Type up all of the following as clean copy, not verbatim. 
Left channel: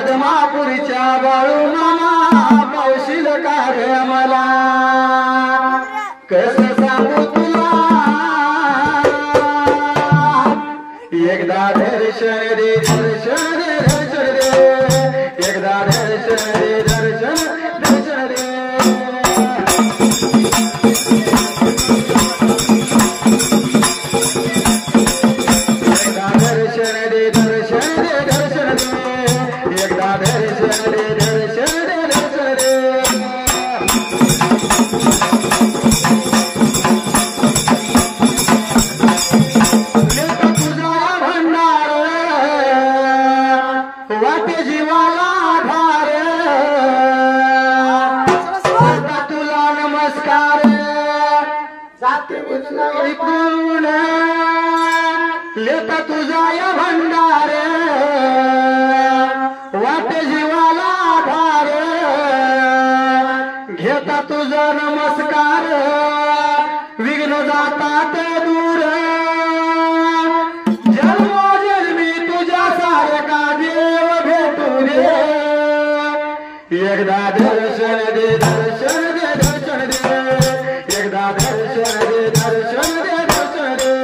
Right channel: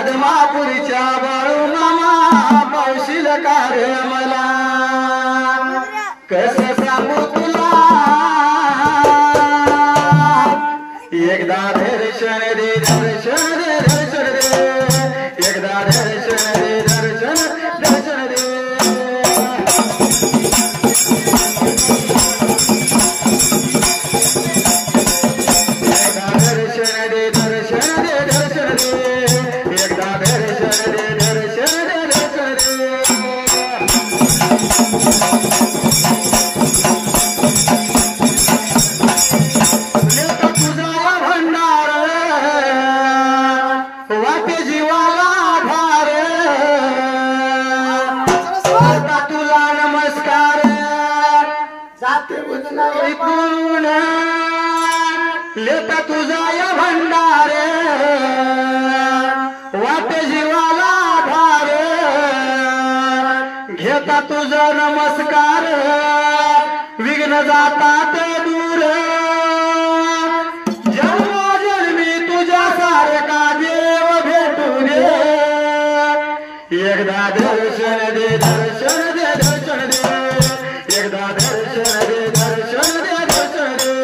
आदमापूरच्या बाळू मामा पावशील कार्य मला कसं सांगू तुला एकदा दर्शन दे दर्शन दे दर्शन दे एकदा दर्शन दे दर्शन दर्शन दे लेता तुझा या भंडार वाटे जीवाला भार घेता तुझा नमस्कार विघ्न जातात दूर जन्मोजन्मी तुझ्या सारखा देव भेटू दे एकदा दर्शन दे दर्शन दे दर्शन दे एकदा दर्शन दे दर्शन दे दर्शन दे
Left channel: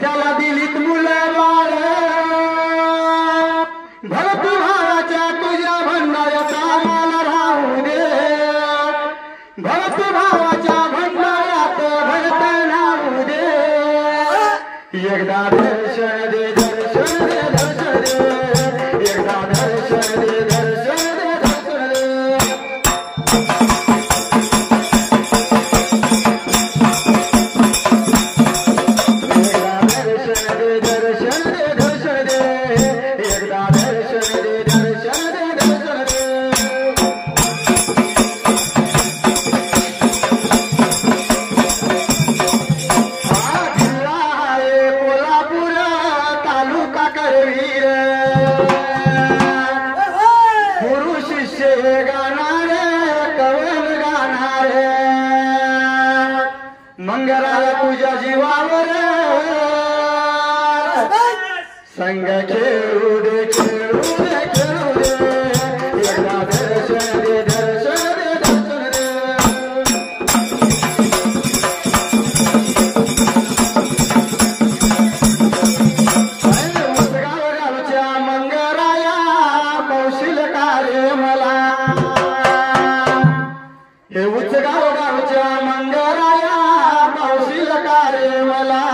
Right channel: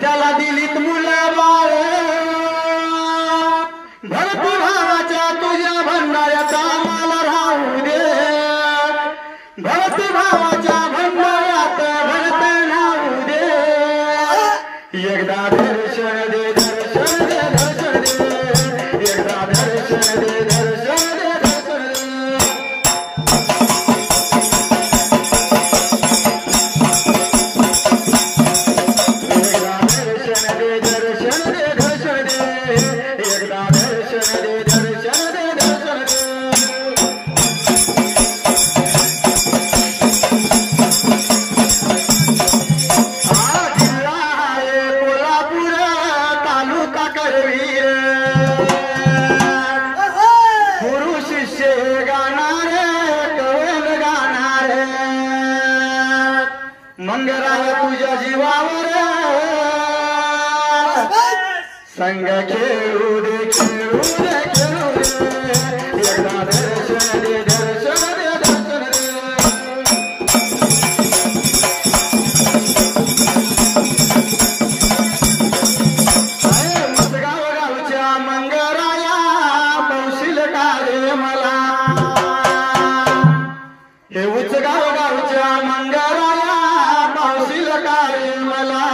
त्याला दिलीत मुलं बाळ भरती भावाच्या तुझ्या भंडाऱ्याचा मला राहू दे भरती भावाच्या भंडाऱ्यात भरत राहू दे एकदा दर्शन दे दर्शन दे दर्शन दे एकदा दर्शन दे दर्शन दे दर्शन दे मंगराय तुझ्या जीवावर संग खेळू दे खेळू दे खेळू दे एकदा दर्शन दे दर्शन दे दर्शन दे मुसगाव गावच्या मंगराया पावशील कार्य मला हे उचगाव गावच्या मंगराया पावशील कार्य मला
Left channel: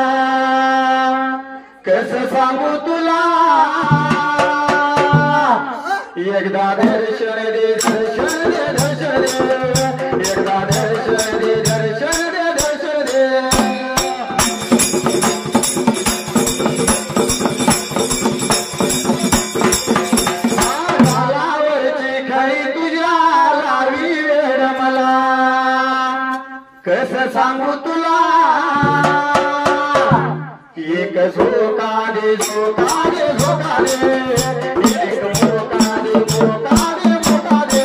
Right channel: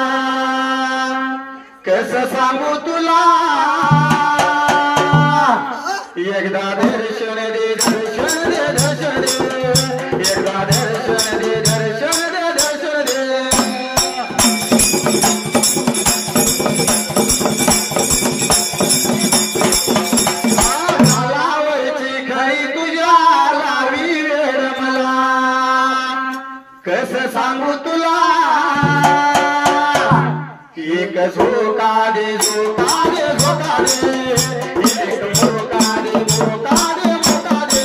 कसं सांगू तुला एकदा दर्शन दे दर्शन दे दर्शन दे एकदा दर्शन दे दर्शन दे दर्शन दे गालावरची खरी तुझ्या लावी वेळ मला कसं सांगू तुला एक झोका दे झोका दे झोका दे एक झोका दे झोका दे झोका दे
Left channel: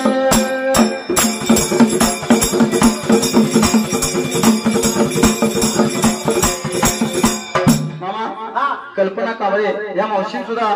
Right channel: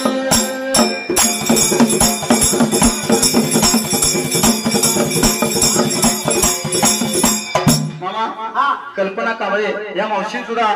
मामा कल्पना कावळे या मावशी सुद्धा